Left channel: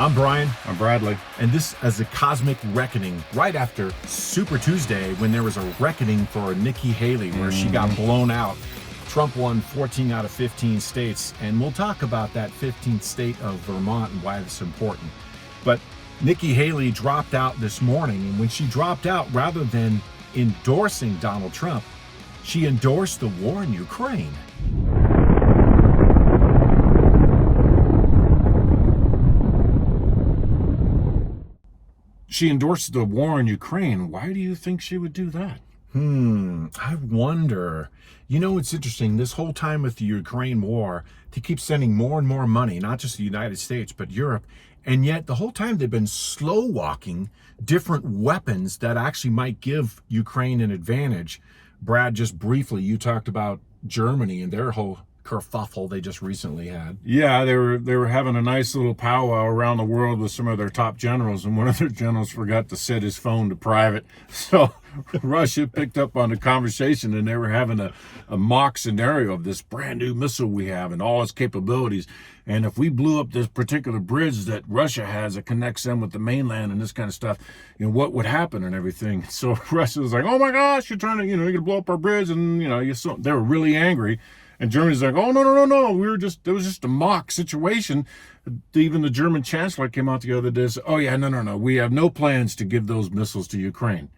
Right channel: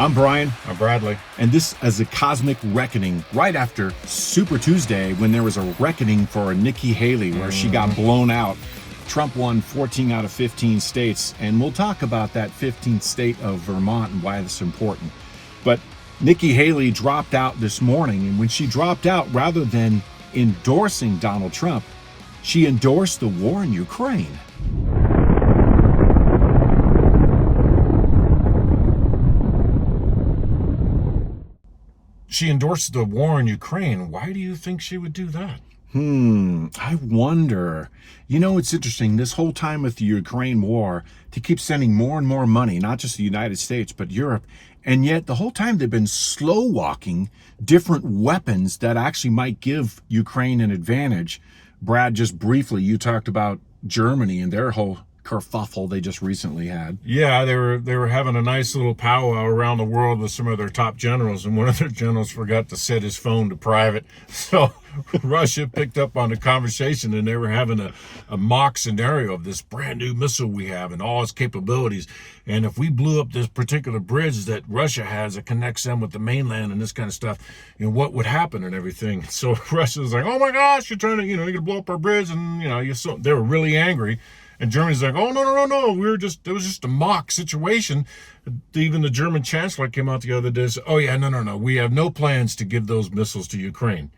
I'm Brian, I'm Bradley. and this is a cosmic reckoning right after Super Tuesday when there was a reckoning for Nikki Haley where she got blown out. Trump won 14 out of 15 states, and we'll talk about that 15th state of Vermont and why it's important. But Nikki Haley dropped out this morning, and when she dropped out, rather than endorsing Donald Trump, she endorsed the war in Ukraine. She endorsed the war in Ukraine. Why do you think she would do that? I wonder. You know, it's interesting. This whole time with the Ukraine war, they keep sending more and more money, not just the United States, but Europe. And yet the whole time they've been slow walking different weapons that actually might give Ukraine an advantage. Brad, just briefly, you talked about Germany and their whole kerfuffle they just recently had. Yeah, they were having a nice little powwow around the world with some of their top generals, and one of their generals forgot to set his phone to private. So Russia picked up on the conversation, and they were having a mock scenario of this brand new missile we have and all its capabilities. And if we blew up this particular bridge that Russia has that connects them with the mainland and this kind of stuff, you know, what would happen and everything. So Russia was like, oh my gosh, you're trying to, you're going to blow up our bridge. And, they were really angry. And Germany's like, oh, no. It was just a mock situation. Even the German chancellor came out the other day and said, oh, yeah, no. We have no plans to give those missiles to Ukraine.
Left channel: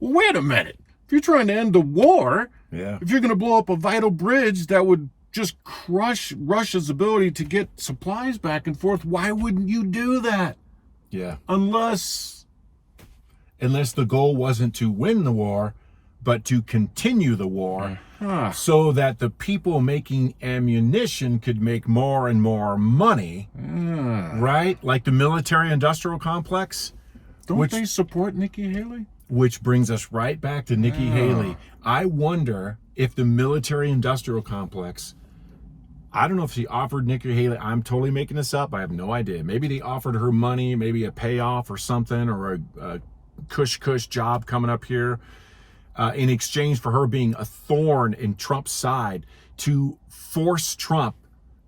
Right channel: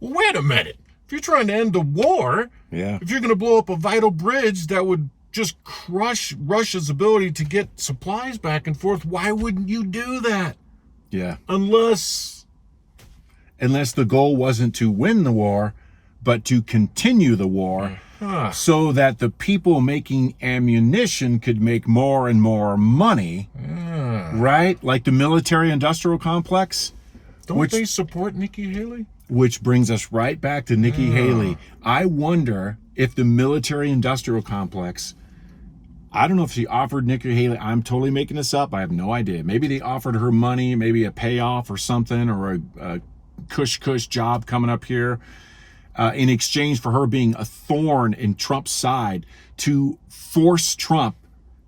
Well, wait a minute. If you're trying to end the war, if you're going to blow up a vital bridge that would just crush Russia's ability to get supplies back and forth, why wouldn't you do that? Yeah. Unless the goal wasn't to win the war, but to continue the war. So that the people making ammunition could make more and more money, right? Like the military-industrial complex. Don't they support Nikki Haley? Which brings us right back to Nikki Haley. I wonder if the military-industrial complex, I don't know if she offered Nikki Haley, I'm totally making this up, I have no idea. Maybe they offered her money, maybe a payoff or something, or a cush job coming up here. In exchange for her being a thorn in Trump's side to force Trump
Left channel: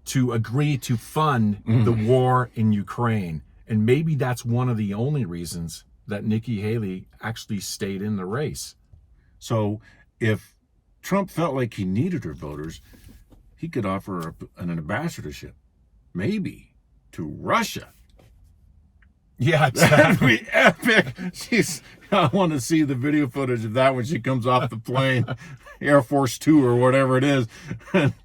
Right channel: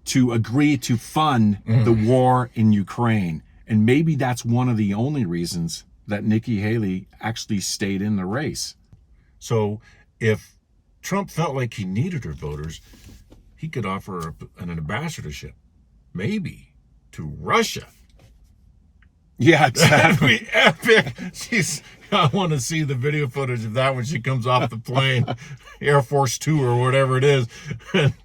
to agree to fund the war in Ukraine. And maybe that's one of the only reasons that Nikki Haley actually stayed in the race. So if Trump felt like he needed her voters, he could offer an ambassadorship, maybe, to Russia. Yeah, that'd be epic. I want to see the video footage of that when she comes off the plane, Air Force 2 or whatever it is,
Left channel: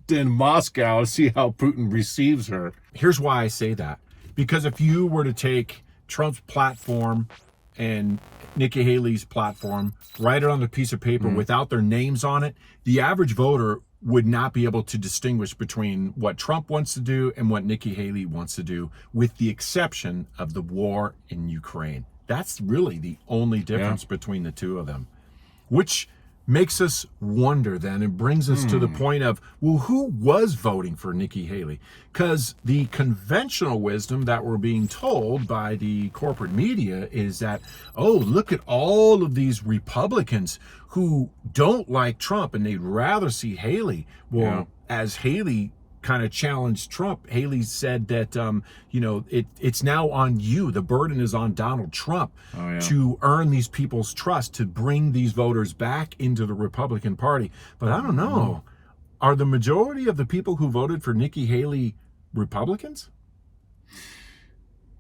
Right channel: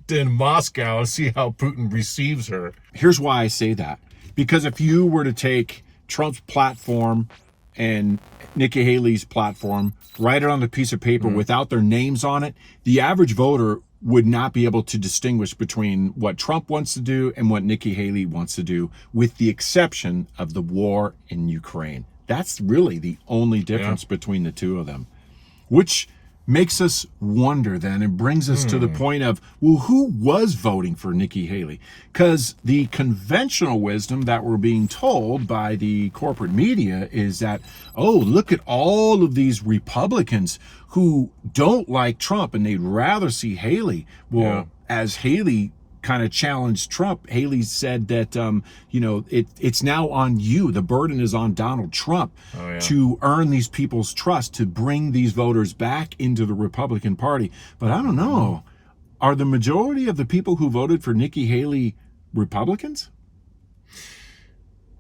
in Moscow, and see how Putin receives her. Here's why I say that. Because if you were to take Trump's platform and Nikki Haley's platform, write it on a piece of paper without their names on it, the average voter would not be able to distinguish between what Trump wants to do and what Nikki Haley wants to do, with the exception of the war in Ukraine. That's really the only difference between the two of them, which makes us wonder then and brings us to the point of, well, who was voting for Nikki Haley? Because the conventional wisdom that we're being told by the corporate media is that, oh, look at all of these Republicans who don't like Trump and they'd rather see Haley. Well, as Haley kind of challenged Trump, Haley said that, it's now on you. The burden is on Donald Trump to earn these people's trust, to bring these voters back into the Republican Party. But I don't know. Are the majority of the people who voted for Nikki Haley Republicans?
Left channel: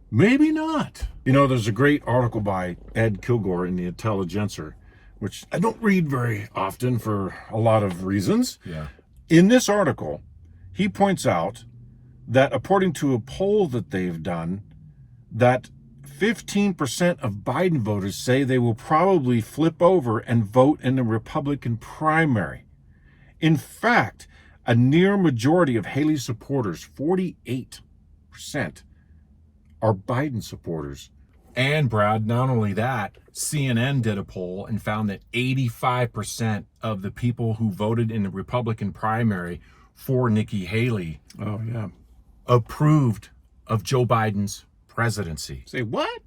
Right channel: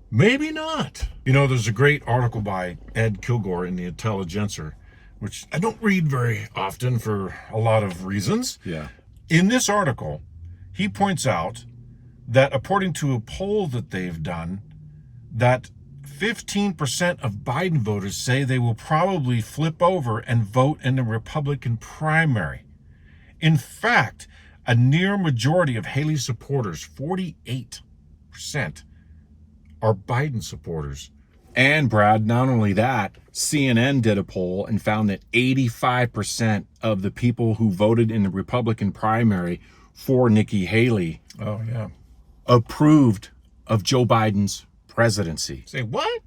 Maybe not. There's a great article by Ed Kilgore in the Intelligencer, which I don't read very often for a lot of reasons. Yeah. In this article, he points out that according to a poll that they've done, that 15% of Biden voters say they will probably flip over and vote in the Republican primary. In fact, a near majority of Haley supporters, 48%, are Biden supporters. And Brad, not only that, CNN did a poll and found that 85% of the people who voted in the Republican primary for Nikki Haley approved of Joe Biden's presidency. Say what?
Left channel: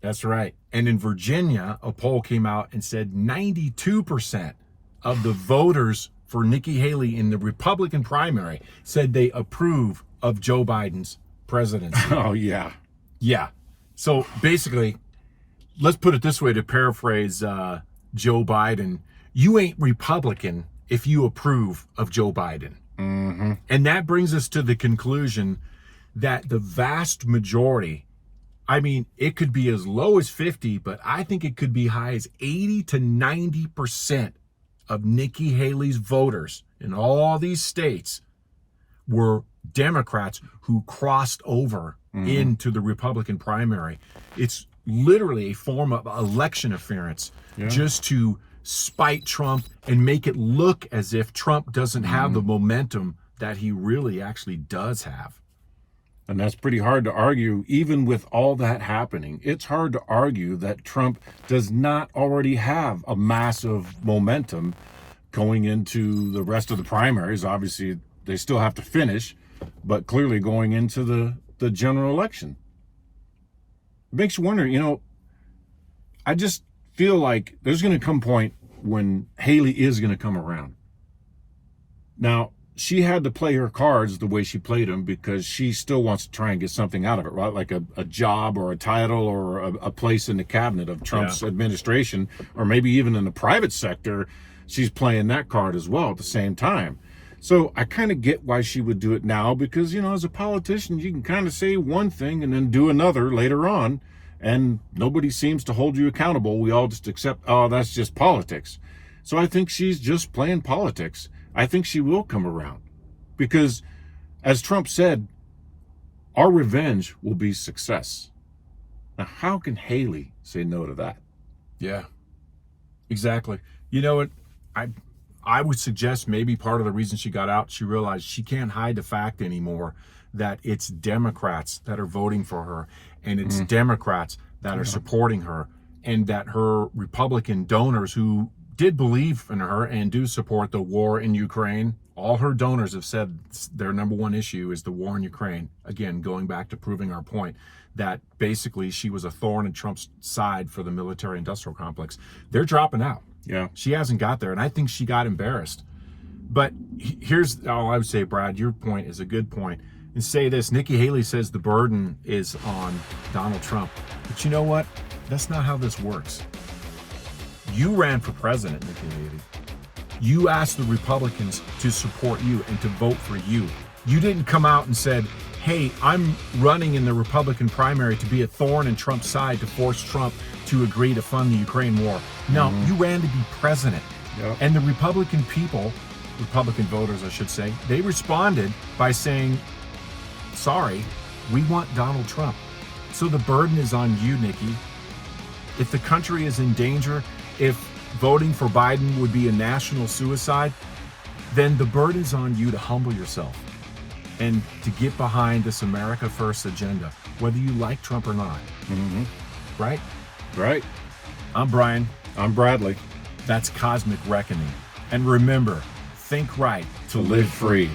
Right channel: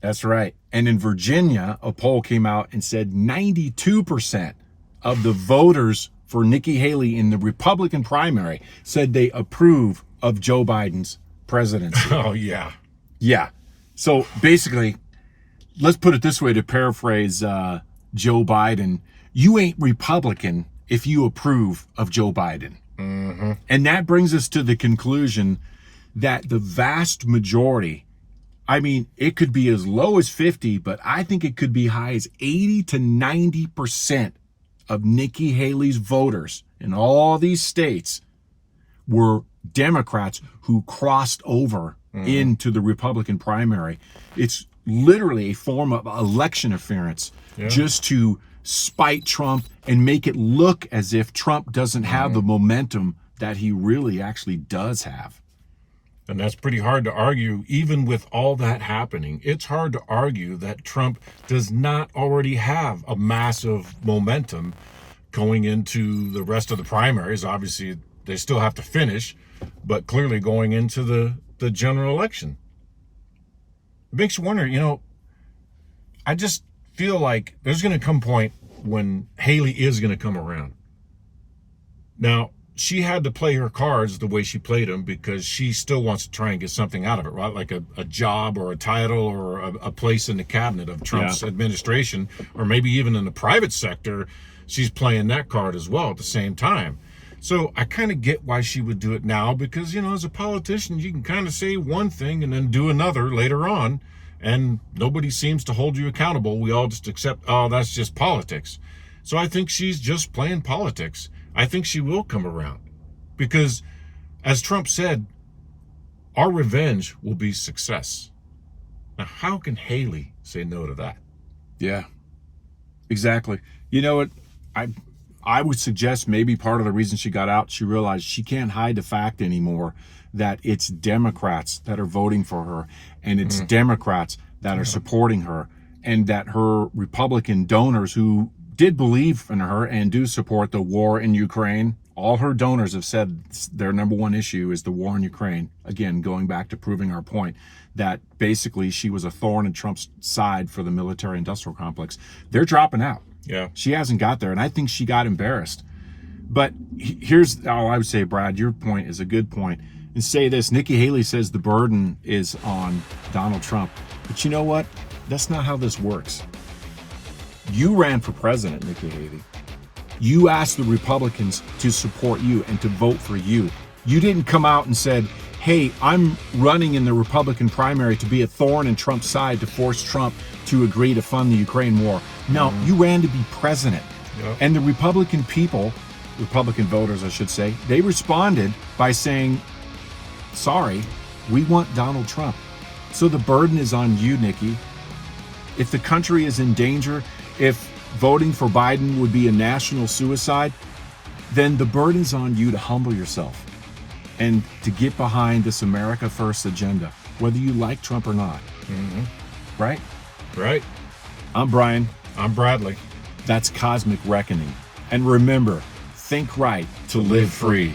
That's right. And in Virginia, a poll came out and said 92% of the voters for Nikki Haley in the Republican primary said they approve of Joe Biden's presidency. Oh, yeah. Yeah. So basically, let's put it this way to paraphrase Joe Biden. You ain't Republican if you approve of Joe Biden. Mm-hmm. And that brings us to the conclusion that the vast majority, I mean, it could be as low as 50, but I think it could be high as 80 to 90% of Nikki Haley's voters in all these states were Democrats who crossed over into the Republican primary. It's literally a form of election interference just to spite Trump and make it look as if Trump doesn't have the momentum that he really actually does have. And that's pretty hard to argue, even with all that happening. It's hard to argue that Trump does not already have a massive momentum going into the rest of the primaries. Obviously, they still have to finish, but clearly going into the general election. It makes you wonder, I just feel like there's going to come a point when Haley is going to come around. Now, she had to play her cards the way she played them because she still wants to try and get something out of it, right? Like a job or a title or a place in the cabinet of Trump's administration, or maybe even in the private sector. She's playing that card as well at the same time. So I kind of get why she would do it now because, as a politician, you can kind of say one thing and then do another later on, and nobody seems to hold you accountable. We all just accept, oh, that's just politics. So I think she's just playing politics. I think she will come around because, as Trump said, our revenge will be success. Now, how can Haley say no to that? Yeah, exactly. You know what? I would suggest maybe part of the reason she got out, she realized she can't hide the fact anymore that it's Democrats that are voting for her and it's Democrats that are supporting her, and that her Republican donors who did believe in her and do support the war in Ukraine, all her donors have said their number one issue is the war in Ukraine. Again, going back to proving our point that basically she was a thorn in Trump's side for the military industrial complex. They're dropping out. Yeah. She hasn't got there, and I think she got embarrassed. But here's all I would say, Brad, your point is a good point. And say this, Nikki Haley says the burden is on Donald Trump. But you know what? That's not how this works. You ran for president, Nikki Haley. You asked the Republicans to support you and to vote for you. You didn't come out and said, hey, I'm running in the Republican primary to be a thorn in Trump's side to force Trump to agree to fund the Ukraine war. No, you ran to be president. Yep. And the Republican people, Republican voters, I should say, they responded by saying, sorry, we want Donald Trump. So the burden is on you, Nikki. If the country is in danger, if voting for Biden would be a national suicide, then the burden is on you to humble yourself and to get behind this America First agenda, whether you like Trump or not. Right? Right. I'm Brian. I'm Bradley. That's Cosmic Reckoning. And remember, think right to live free.